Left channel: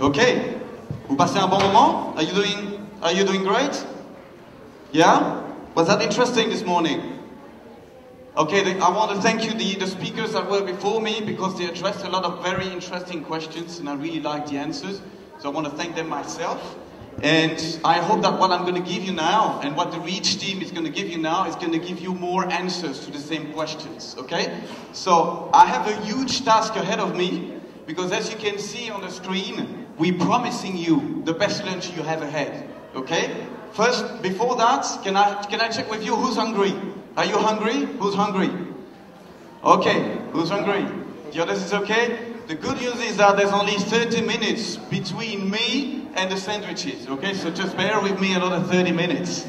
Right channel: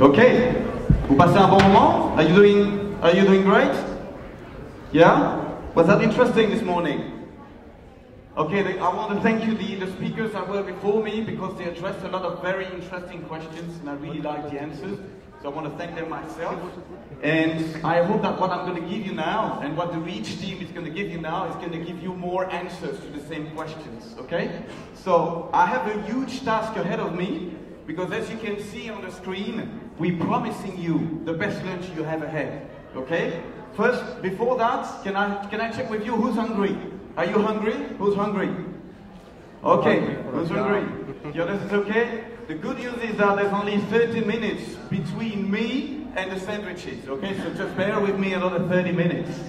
Okay. Vous passez un bon moment? Are you doing great? Yeah? Was that interesting this morning? Okay, I want to thank you, the speakers that were before me, because they addressed a lot of very interesting questions and I really liked the answers. So I want to thank them myself. And I hope that what I'm going to give you now and what the REACH team is going to give you now is going to give you more answers to the same questions, okay? So I have a huge task ahead of me, because as you can see on the screen, we're promising you the best lunch you have ahead, okay? First, before that, can I check with you who's hungry? Are you hungry? Who's hungry? Okay, who's hungry? The others is okay? The good news is that there's only 30 minutes between me and the sandwiches, okay? So just bear with me another 30 minutes.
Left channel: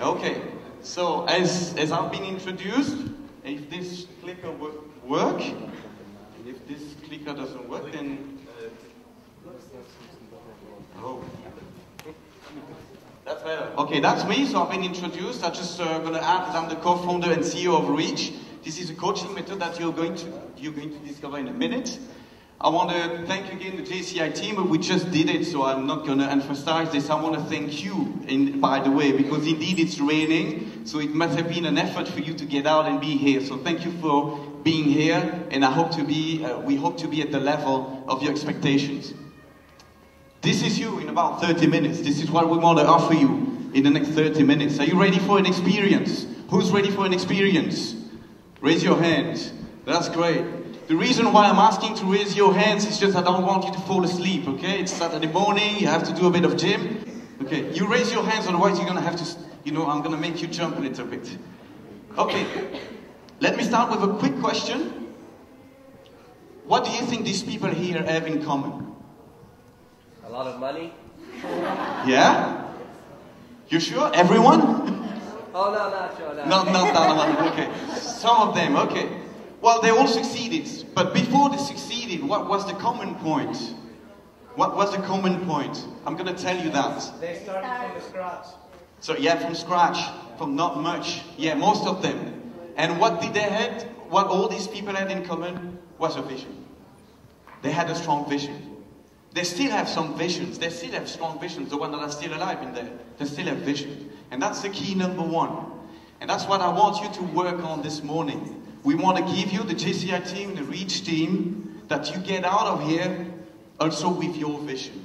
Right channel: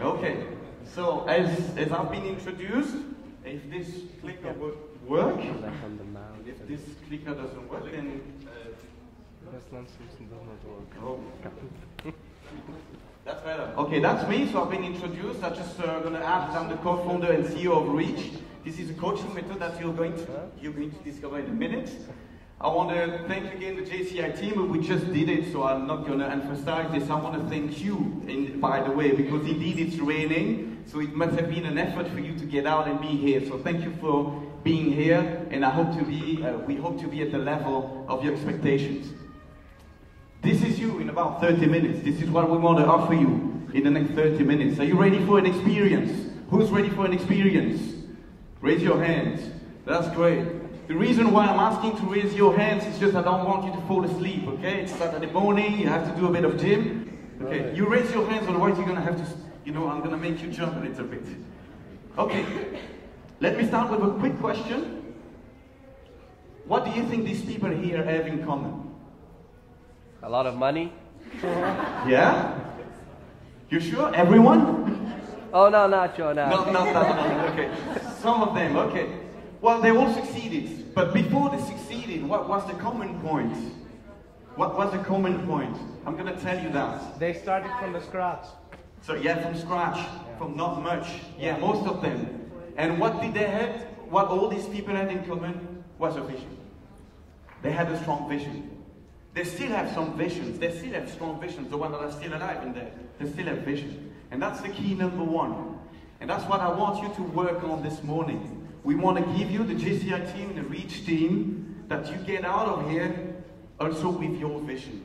Okay, so as I've been introduced, if this clicker would work, if this clicker doesn't work, then... Oh. That's better. Okay, that's me, so I've been introduced. I'm just going to add that I'm the co-founder and CEO of REACH. This is a coaching method that you're going to discover in a minute. I want to thank again the JCI team. We just did it, so I'm not going to emphasize this. I want to thank you, by the way, because indeed it's raining, so it must have been an effort for you to get out and be here. So thank you for being here, and we hope to be at the level of your expectations. This is you in about 30 minutes. This is what we want to offer you in the next 30 minutes. Are you ready for an experience? Who's ready for an experience? Raise your hand. That's great. The reason why I'm asking to raise your hands is just I don't want you to fall asleep, okay? It's Saturday morning, you have to do a bit of gym. Okay, you raise your hands, otherwise you're going to have to, I'm going to make you jump a little bit. Okay, let me start with a quick question. What do you think these people here have in common? A lot of money. Yeah? You sure? Everyone? Oh, no, not sure, no. Not that one, okay. Some of them, okay. Well, they all succeeded, but before they succeeded, what was the common point? What was the common point? I'm going to tell you that. They started from the scratch. So yeah, from scratch, from not much. Yeah, most of them. And what did they have? What all these people had in common was a vision. They had a strong vision. They still have some visions. They still have strong visions. The ones that are still alive in there, they still have vision. And that's the key number one. And that's what I want you to work on this morning. We want to give you, the JCI team, the REACH team, that you get out of here also with your vision.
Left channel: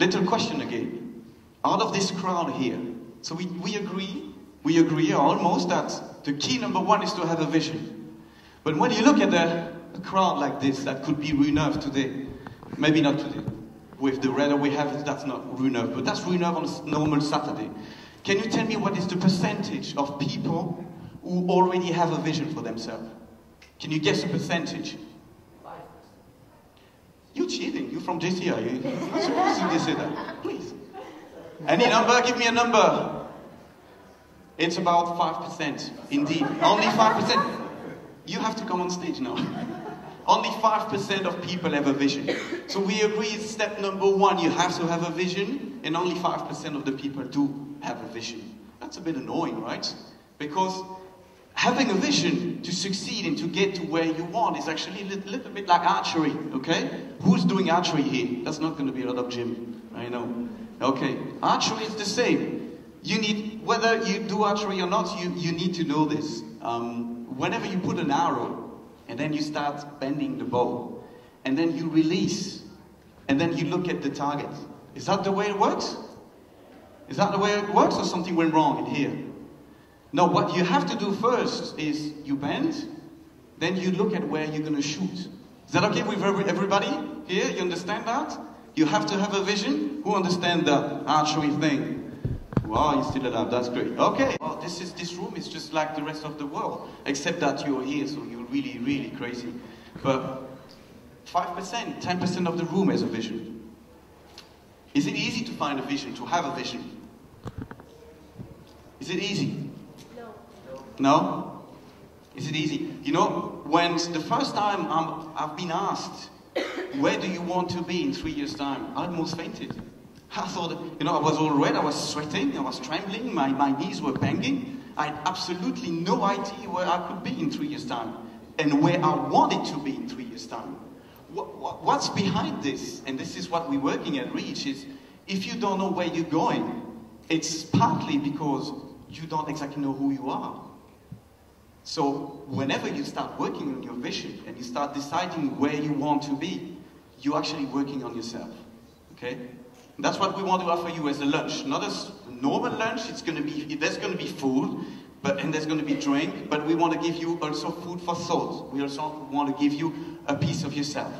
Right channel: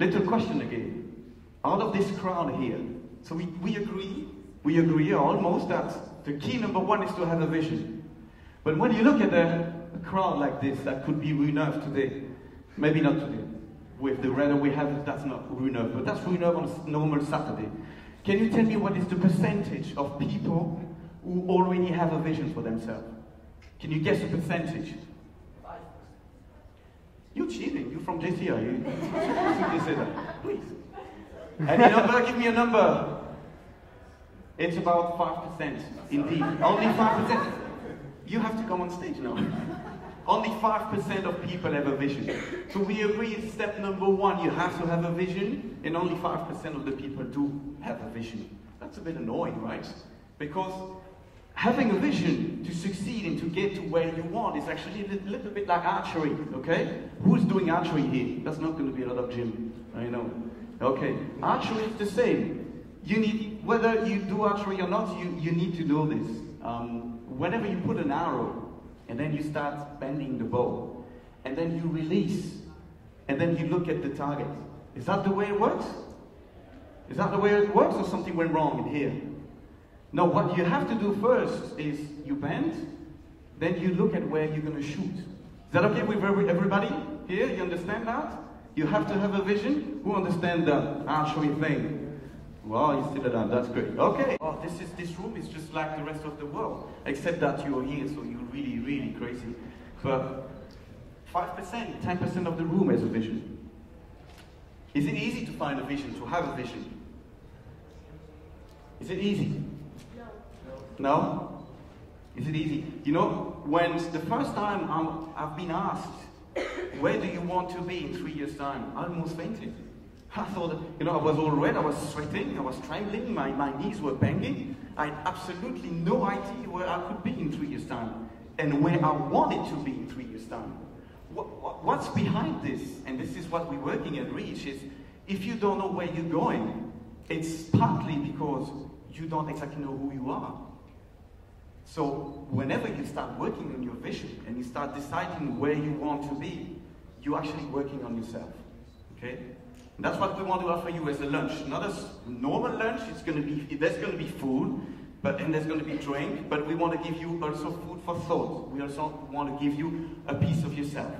Little question again. Out of this crowd here, so we agree almost that the key number one is to have a vision. But when you look at a crowd like this, that could be Rue Neuve today, maybe not today, with the weather we have, that's not Rue Neuve, but that's Rue Neuve on a normal Saturday. Can you tell me what is the percentage of people who already have a vision for themselves? Can you guess a percentage? 5%. You're cheating. You're from JCI. You're not supposed to say that. Please. Any number? Give me a number. It's about 5%. Indeed. Only 5%. You have to come on stage now. Only 5% of people have a vision. So we agree it's step number one. You have to have a vision, and only 5% of the people do have a vision. That's a bit annoying, right? Because having a vision to succeed and to get to where you want is actually a little bit like archery, okay? Who's doing archery here? That's not going to be a lot of gym, I know. Okay, archery is the same. You need, whether you do archery or not, you need to know this. Whenever you put an arrow, and then you start bending the bow, and then you release, and then you look at the target. Is that the way it works? Is that the way it works, or something went wrong in here? No, what you have to do first is you bend, then you look at where you're going to shoot. Is that okay with everybody here? You understand that? You have to have a vision. Who understands the archery thing? Wow, you still alive. That's great. Okay. Well, this room is just like the rest of the world, except that you're here, so you're really, really crazy. But 5%, 10% of the room has a vision. Is it easy to find a vision, to have a vision? Is it easy? No? Is it easy? You know, when the first time I've been asked, where do you want to be in 3 years' time? I almost fainted. I thought, I was all red, I was sweating, I was trembling, my knees were banging. I had absolutely no idea where I could be in 3 years' time and where I wanted to be in 3 years' time. What what's behind this, and this is what we're working at Reach, is if you don't know where you're going, it's partly because you don't exactly know who you are. So whenever you start working on your vision and you start deciding where you want to be, you're actually working on yourself, okay? And that's what we want to offer you as a lunch. Not as a normal lunch, there's going to be food, and there's going to be drink, but we want to give you also food for thought. We also want to give you a piece of yourself.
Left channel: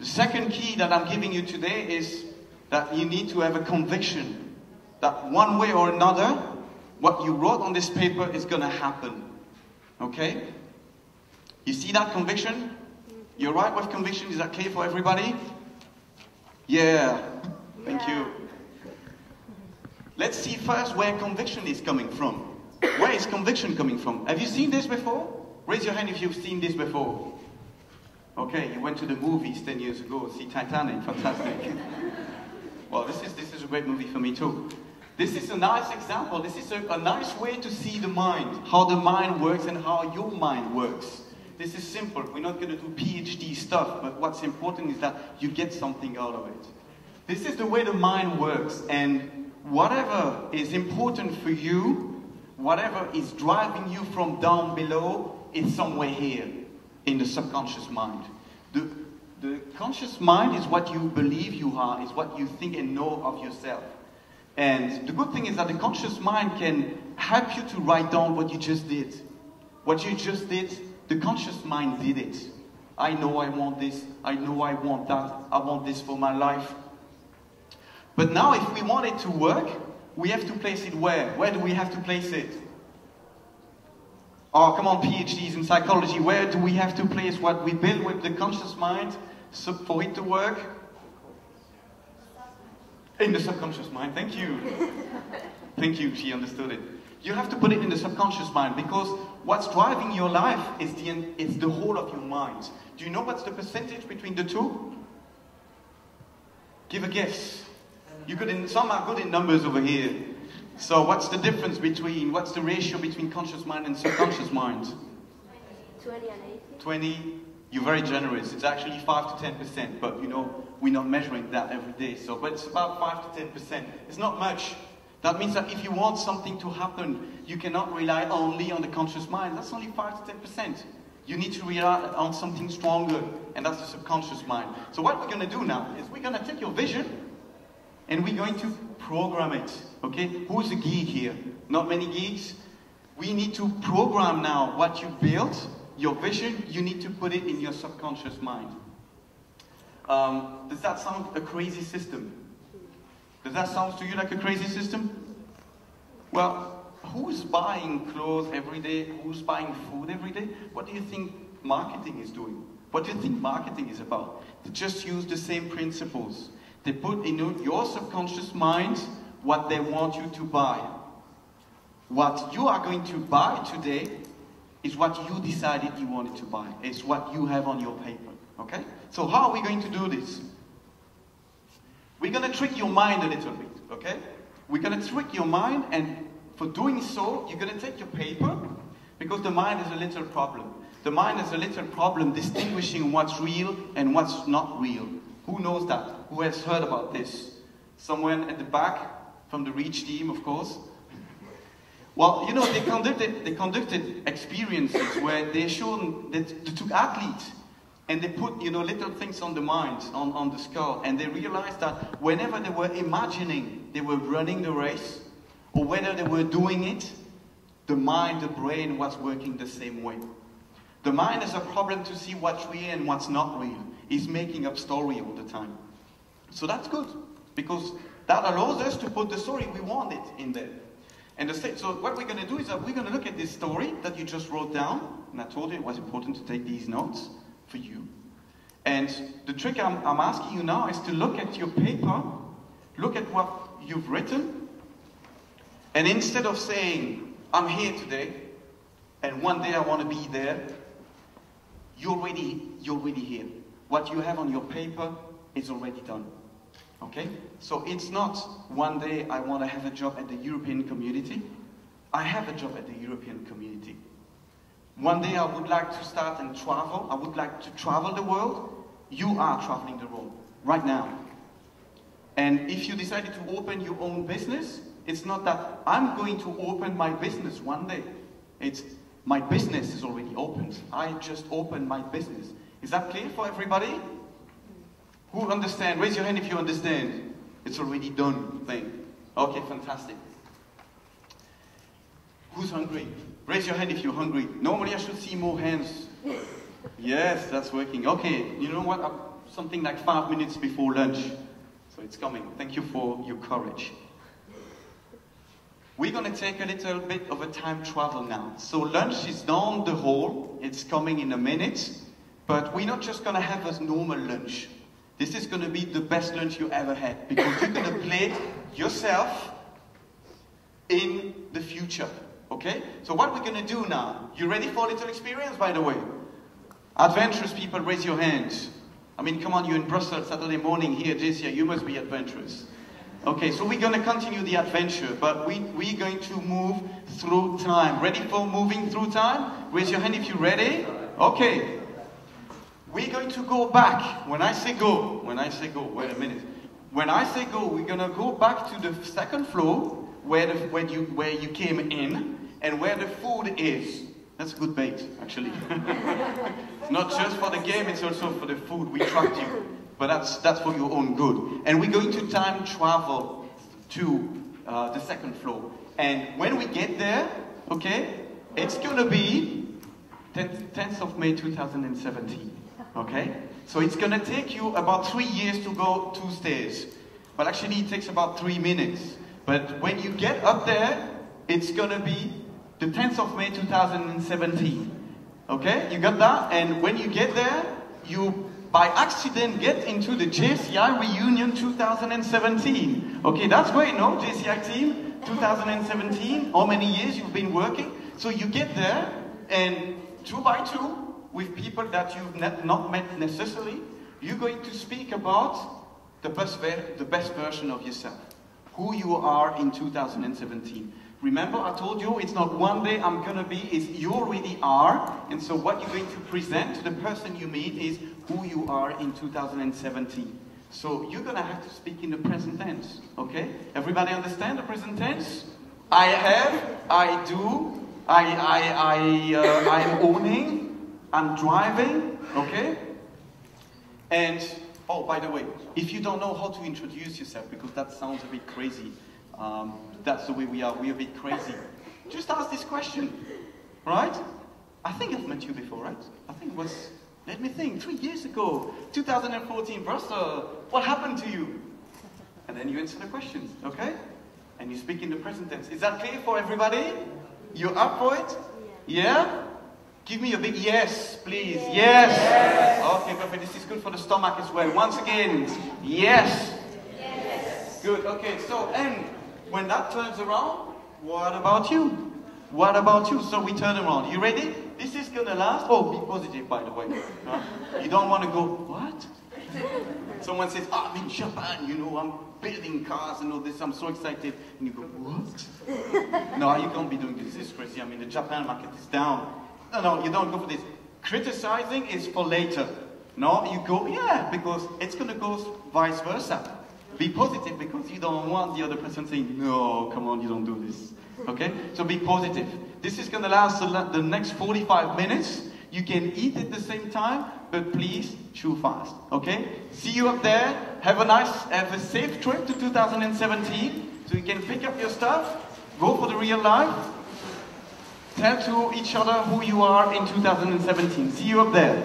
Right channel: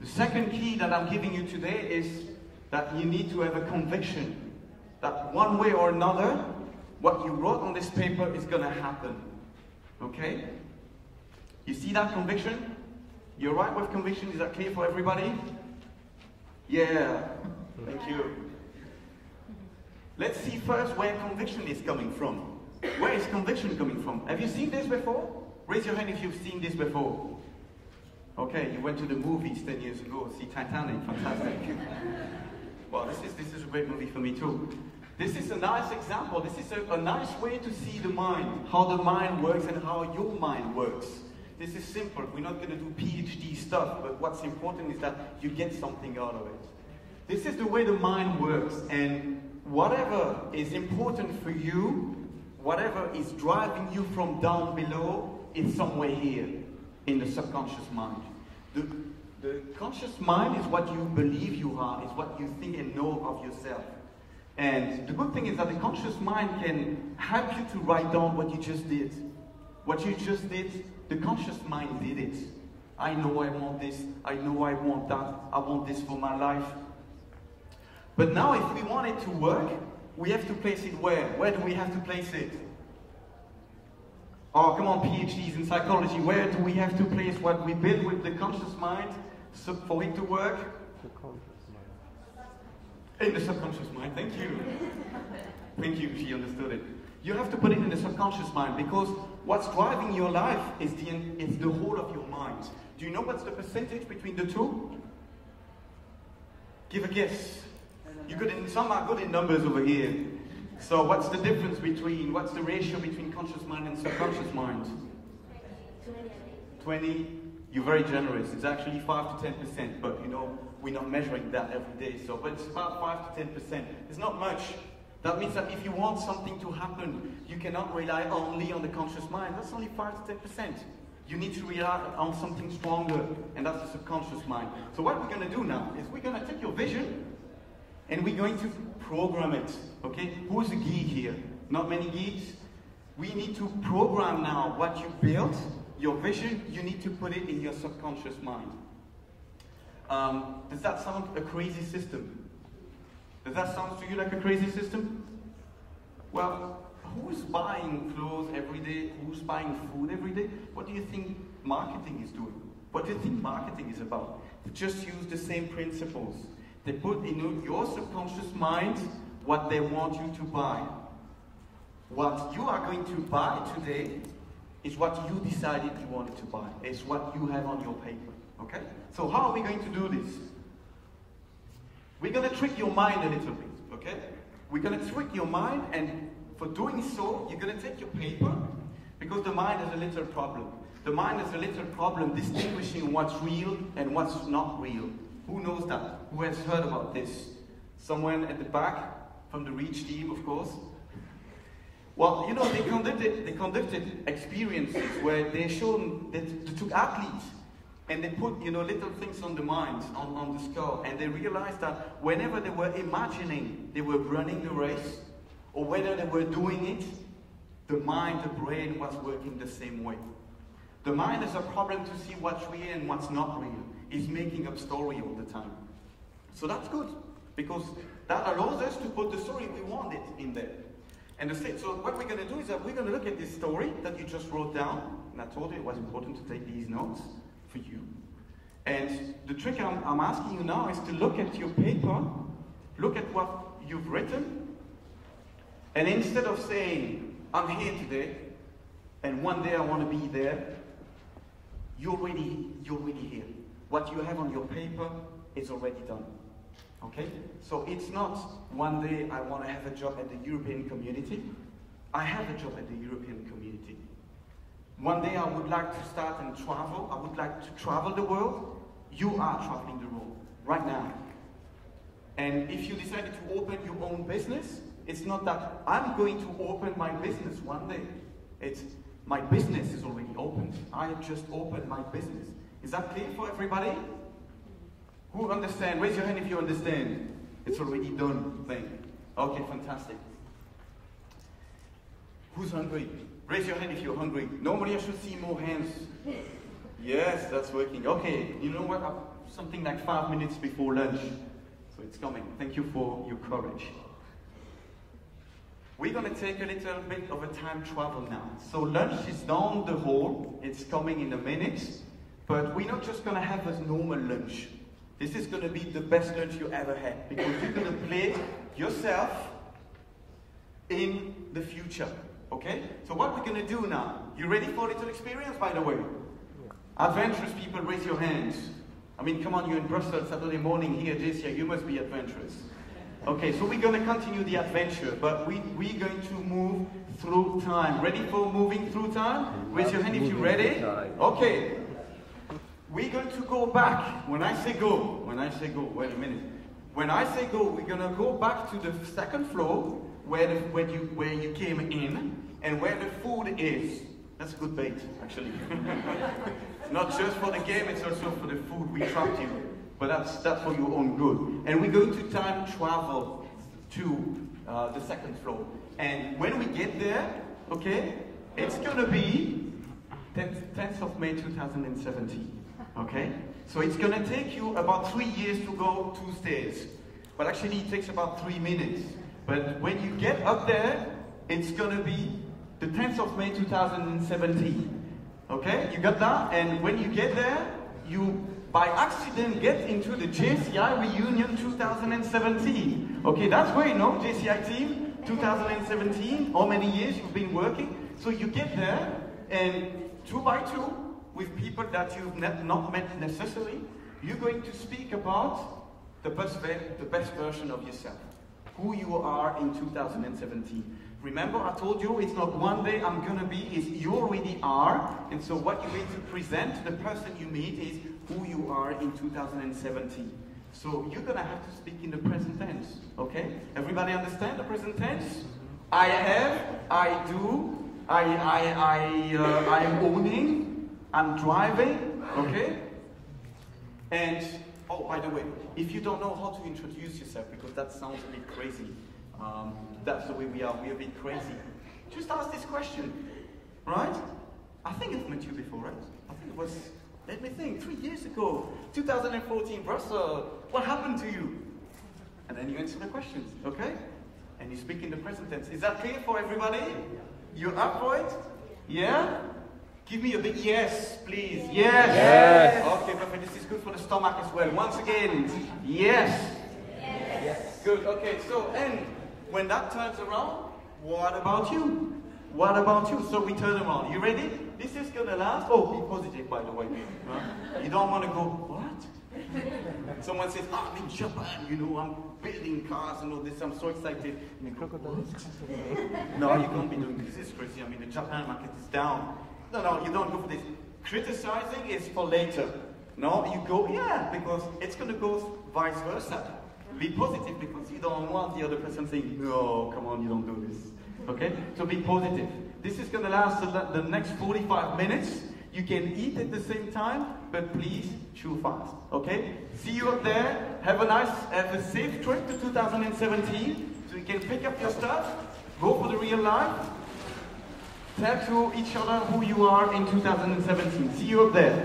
The second key that I'm giving you today is that you need to have a conviction that one way or another, what you wrote on this paper is going to happen. Okay? You see that conviction? You're right with conviction? Is that clear for everybody? Yeah. Thank you. Let's see first where conviction is coming from. Where is conviction coming from? Have you seen this before? Raise your hand if you've seen this before. Okay, you went to the movies 10 years ago, see Titanic, fantastic. Well, this is a great movie for me too. This is a nice example. This is a nice way to see the mind, how the mind works and how your mind works. This is simple. We're not going to do PhD stuff, but what's important is that you get something out of it. This is the way the mind works, and whatever is important for you, whatever is driving you from down below, is somewhere here in the subconscious mind. The conscious mind is what you believe you are, is what you think and know of yourself. And the good thing is that the conscious mind can help you to write down what you just did. What you just did, the conscious mind did it. I know I want this, I know I want that, I want this for my life. But now if we want it to work, we have to place it where? Where do we have to place it? Oh, come on, PhDs in psychology, where do we have to place what we build with the conscious mind for it to work? In the subconscious mind, thank you. Thank you, she understood it. You have to put it in the subconscious mind because what's driving your life is the whole of your mind. Do you know what's the percentage between the two? Give a guess. Some are good in numbers over here. So what's the difference what's the ratio between conscious mind and subconscious mind? 20 and 80. 20, you're very generous. It's actually 5 to 10%, but you know, we're not measuring that every day. But it's about 5 to 10%. It's not much. That means that if you want something to happen, you cannot rely only on the conscious mind. That's only 5 to 10%. You need to rely on something stronger, and that's the subconscious mind. So what we're going to do now is we're going to take your vision, and we're going to program it, okay? Who's a geek here? Not many geeks? We need to program now what you built, your vision, you need to put it in your subconscious mind. Does that sound a crazy system? Does that sound to you like a crazy system? Well, who's buying clothes every day? Who's buying food every day? What do you think marketing is doing? What do you think marketing is about? They just use the same principles. They put in your subconscious mind what they want you to buy. What you are going to buy today is what you decided you wanted to buy. It's what you have on your paper, okay? So how are we going to do this? We're going to trick your mind a little bit, okay? We're going to trick your mind, and for doing so, you're going to take your paper, because the mind has a little problem. The mind has a little problem distinguishing what's real and what's not real. Who knows that? Who has heard about this? Someone at the back from the Reach team, of course. Well, you know, they conducted experiences where they took athletes and they put, you know, little things on the mind, on the skull, and they realized that whenever they were imagining they were running the race, or whether they were doing it, the mind, the brain was working the same way. The mind has a problem to see what's real and what's not real. It's making up story all the time. So that's good, because that allows us to put the story we wanted in there. And so what we're going to do is that we're going to look at this story that you just wrote down, and I told you it was important to take these notes for you. And the trick I'm asking you now is to look at your paper, look at what you've written, and instead of saying, I'm here today, and one day I want to be there, you're already here. What you have on your paper is already done. Okay? So it's not one day I want to have a job at the European community. I have a job at the European community. One day I would like to start and travel. I would like to travel the world. you are traveling the road right now. And if you decided to open your own business, it's not that I'm going to open my business one day. It's my business is already opened. I just opened my business. Is that clear for everybody? Who understand? Raise your hand if you understand. It's already done thing. Okay, fantastic. Who's hungry? Raise your hand if you're hungry. Normally I should see more hands. Yes, that's working. Okay, you know what? Something like 5 minutes before lunch. So it's coming. Thank you for your courage. We're going to take a little bit of a time travel now. So lunch is down the hall. It's coming in a minute. But we're not just going to have a normal lunch. This is going to be the best lunch you ever had. Because you're going to play yourself in the future. Okay? So what we're going to do now. You ready for a little experience, by the way? Adventurous people, raise your hands. I mean, come on, you're in Brussels Saturday morning here, JCI, you must be adventurous. Okay, so we're going to continue the adventure, but we're going to move through time. Ready for moving through time? Raise your hand if you're ready. Okay. We're going to go back. When I say go, wait a minute. When I say go, we're going to go back to the second floor where you came in and where the food is. That's a good bait, actually. Not just for the game, it's also for the food. We trapped you. But that's for your own good. And we're going to time travel to the second floor. And when we get there, okay, it's going to be 10th of May 2017. Okay? So it's going to take you about 3 years to go 2 stairs. But actually it takes about 3 minutes. But when you get up there, it's going to be the 10th of May 2017. Okay? You got that? And when you get there, you by accident get into the JCI reunion 2017. Okay, that's where you know, JCI team 2017, how many years you've been working. So you get there and 2 by 2 with people that you've not met necessarily, you're going to speak about the best version of yourself. Who you are in 2017. Remember, I told you it's not one day I'm gonna be, it's you already are. And so what you're going to present to the person you meet is who you are in 2017. So you're gonna have to speak in the present tense, okay? Everybody understand the present tense? I have, I do, I'm owning, I'm driving, okay? And, oh, by the way, if you don't know how to introduce yourself, because that sounds a bit crazy, that's the way we are, we're a bit crazy. Just ask this question, right? I think I've met you before, right? I think it was, let me think, 3 years ago, 2014, Brussels, what happened to you? And then you answer the questions, okay? And you speak in the present tense. Is that clear for everybody? You're up for it? Yeah? Give me a big yes, please. Yes! Yes. Okay, perfect. This is good for the stomach as well. Once again, yes! Yes. Good, okay, so, and when that turns around, what about you? What about you? So we turn around. You ready? This is gonna last. Oh, be positive, by the way. You don't want to go, what? Someone says, oh, I'm in Japan, you know, I'm building cars and all this, I'm so excited. And you go, what? No, you can't be doing this. This is crazy. I mean, the Japan market is down. No, you don't go for this. Criticizing is for later. No, you go, yeah, because it's gonna go vice versa. Be positive because you don't want the other person saying, no, come on, you don't do this. Okay? So be positive. This is going to last the next 45 minutes. You can eat at the same time, but please chew fast. Okay? See you up there. Have a safe trip to 2017 so you can pick up your stuff, go for the real life, tell to each other who you are in 2017. See you up there.